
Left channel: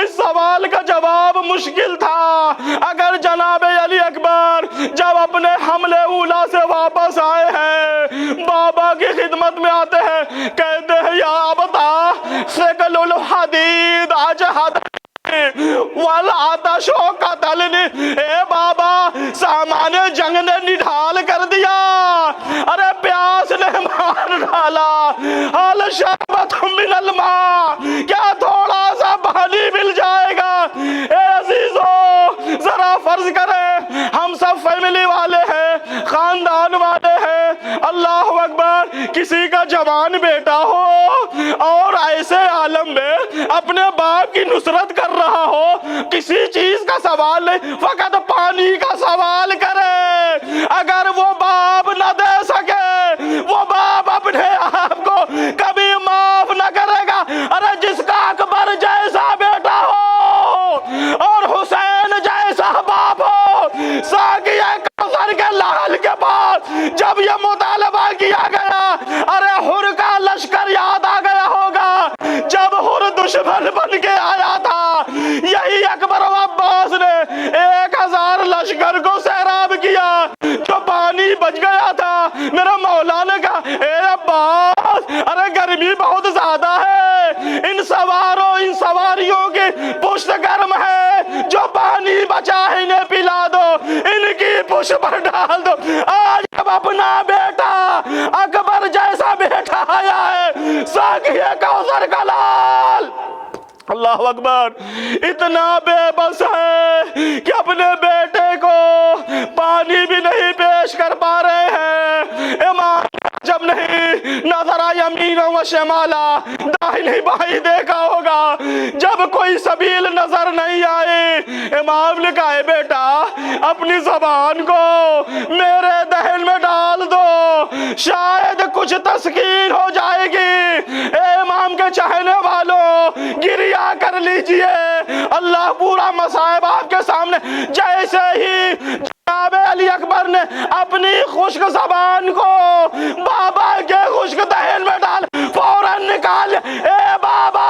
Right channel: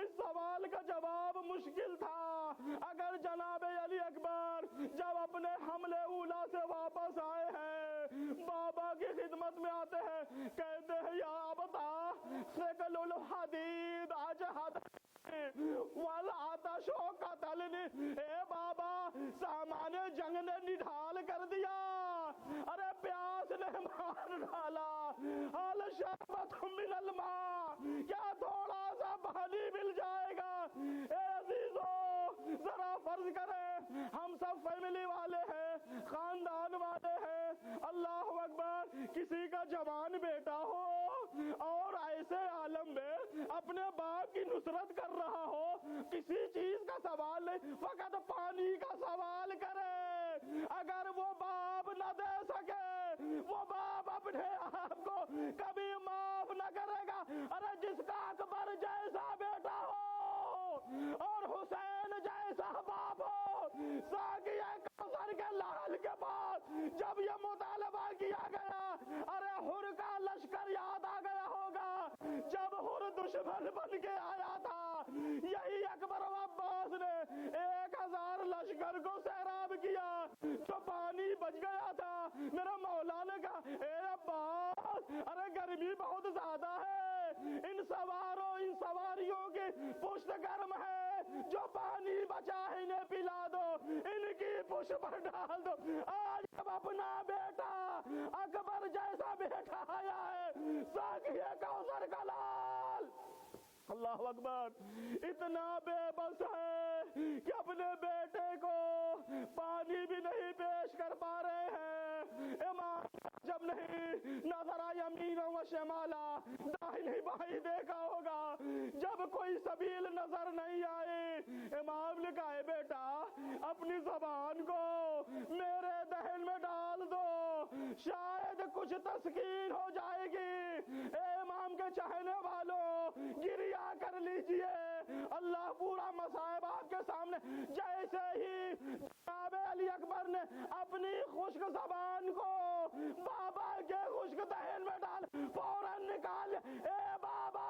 اس سوال کا جواب مشکل تھا. اگر جناب علی اکبر جب اپنے حملے اولا سے واپس آئے ہیں، بابا کی خدمت میں آتے ہیں، کہتے ہیں یا ابتا ثقل الحدید اجہد والعطش قتلنی. اے بابا، سامان جنگ نے نڈھال کر دیا، ارے پیاس نے مار ڈالا. حال شربت من الماء، کیا تھوڑا سا پانی مل جائے گا؟ اے عزیزو ذرا فرض کریں ہم سب فیملی والے ہیں، خاندان والے ہیں، اللہ اکبر، کسی کا جوان بیٹا ہو اور ایسے عالم میں اپنے باپ کی نصرت کر رہا ہو، کسی چیز کا سوال نہیں، فقط پانی کا سوال کرے۔ اگر وہ باپ نہ دے سکے، وہ باپ اپنے آپ کو کبھی معاف نہ کرے گا۔ ارے جس کا اکبر جیسا بیٹا ہو اور حسین جیسا باپ ہو، ساقیہ کوثر کے لال کے پاس جب یہ مطالبہ کیا گیا، ارے حر کا لشکر یاد آ گیا ہوگا، جب حر دشمن بن کے آیا تھا، یہی اکبر و عباس نے 1000 لشکر کو سیراب کیا، جو پانی بچ گیا تھا۔ میرا مولا نے کہا اے عباس، ارے گرمی بہت زیادہ ہے، ان سواروں ان سواریوں کی پشت گرم ہے، جو پانی بچا ہے انہیں پلا دو، ان کی پشت پر ڈال دو۔ آج جب اپنا بیٹا اکبر جیسا بیٹا آیا ہے، ساقیہ کوثر کا لال، اللہ اکبر، اتنا بے بس ہے کہ اپنے بیٹے کو پانی بھی نہیں پیش کر پا رہے ہیں۔ امام جب نہیں نظرا یمین و شمالا، داہنی بائیں دیکھا ہوگا، جب کوئی سبیل نظر نہیں آئی، امام نے کہا اے بیٹا اپنی زبان کو میرے دہن میں ڈال دو، شاید کچھ تسکین ہو جائے گی۔ اے امام کے چاہنے والوں، گریا کر لیجئے، اللہ پورا مصائب آپ کے سامنے۔ جیسے ہی جناب علی اکبر نے اپنی خشک زبان کو بابا کے خشک دہن میں ڈال، فوراً نکال، اے بابا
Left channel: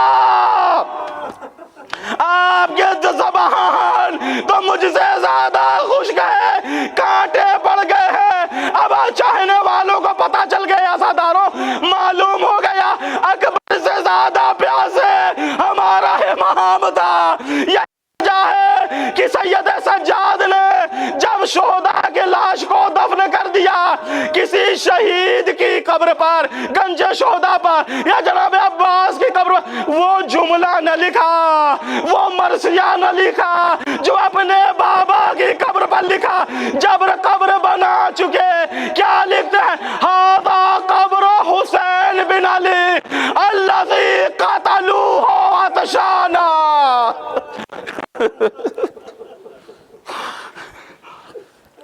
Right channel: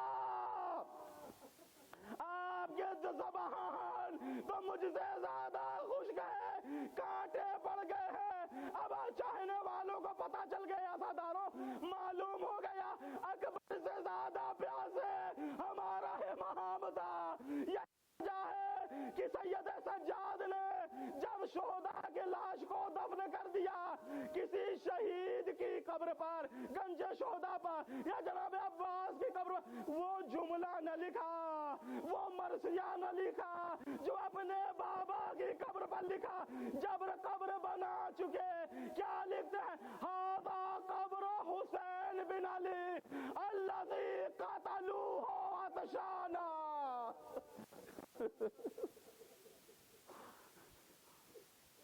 آپ کے زبان تو مجھ سے زیادہ خشک ہے، کانٹے پڑ گئے ہیں۔ اب چاہنے والوں کو پتا چل گیا، عزاداروں معلوم ہو گیا، اکبر سے زیادہ پیاسے ہمارا امام تھا۔ یہ وجہ ہے کہ سید سجاد نے جب شہداء کے لاش کو دفن کر دیا، کسی شہید کی قبر پر، گنج شہداء پر یا جناب عباس کی قبر پر، وہ جملہ نہ لکھا، وہ مرثیہ نہ لکھا جو اپنے بابا کی قبر پر لکھا۔ جب قبر بنا چکے کیا لکھتے ہیں؟ ہذا قبر حسین بن علی الذی قتلوہ عطشانا۔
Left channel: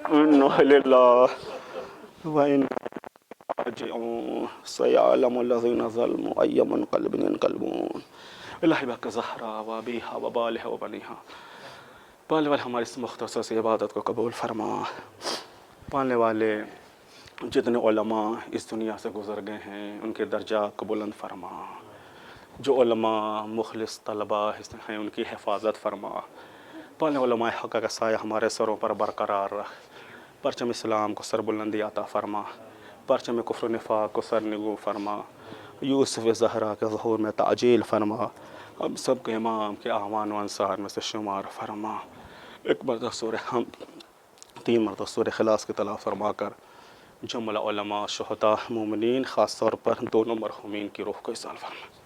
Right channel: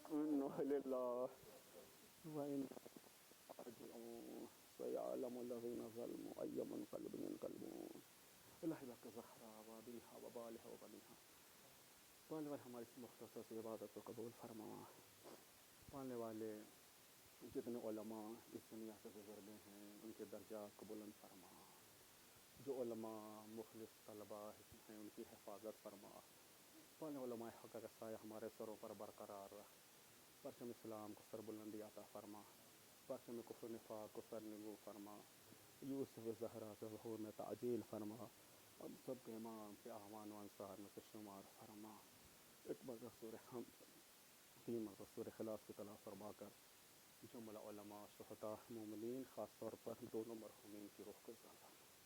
اِنَّا لِلَّهِ وَإِنَّا راجعون سيعلم الذين ظلموا أي منقلب ينقلبون الہی بک زہرا و ابیہا و بالہا و بنیہا۔ پالنے والے ہماری اس مختصر سی عبادت کو قبول فرما۔ پالنے والے جتنے علماء اس دنیا سے گزر گئے ہیں ان کے درجات کو بلند فرما، جو علماء مخلص طلباء ہیں ان کی حفاظت فرما۔ پالنے علماء حق کا سایہ ہمارے سروں پر برقرار رکھ، پرچم اسلام کو سر بلندی عطا فرما، پرچم کفر و نفاق کو سر نگو فرما، یوسف زہرا کے ظہور میں تعجیل فرما، ہم سب کے امام کے اعوان و انصار میں سے شمار فرما۔ ایک مرتبہ سورہ حمد، 3 مرتبہ سورہ اخلاص کی تلاوت فرما کر جملہ علماء، شہداء، مومنین، خاص طور پر دونوں مرحومین کی روح کو ایصال فرما۔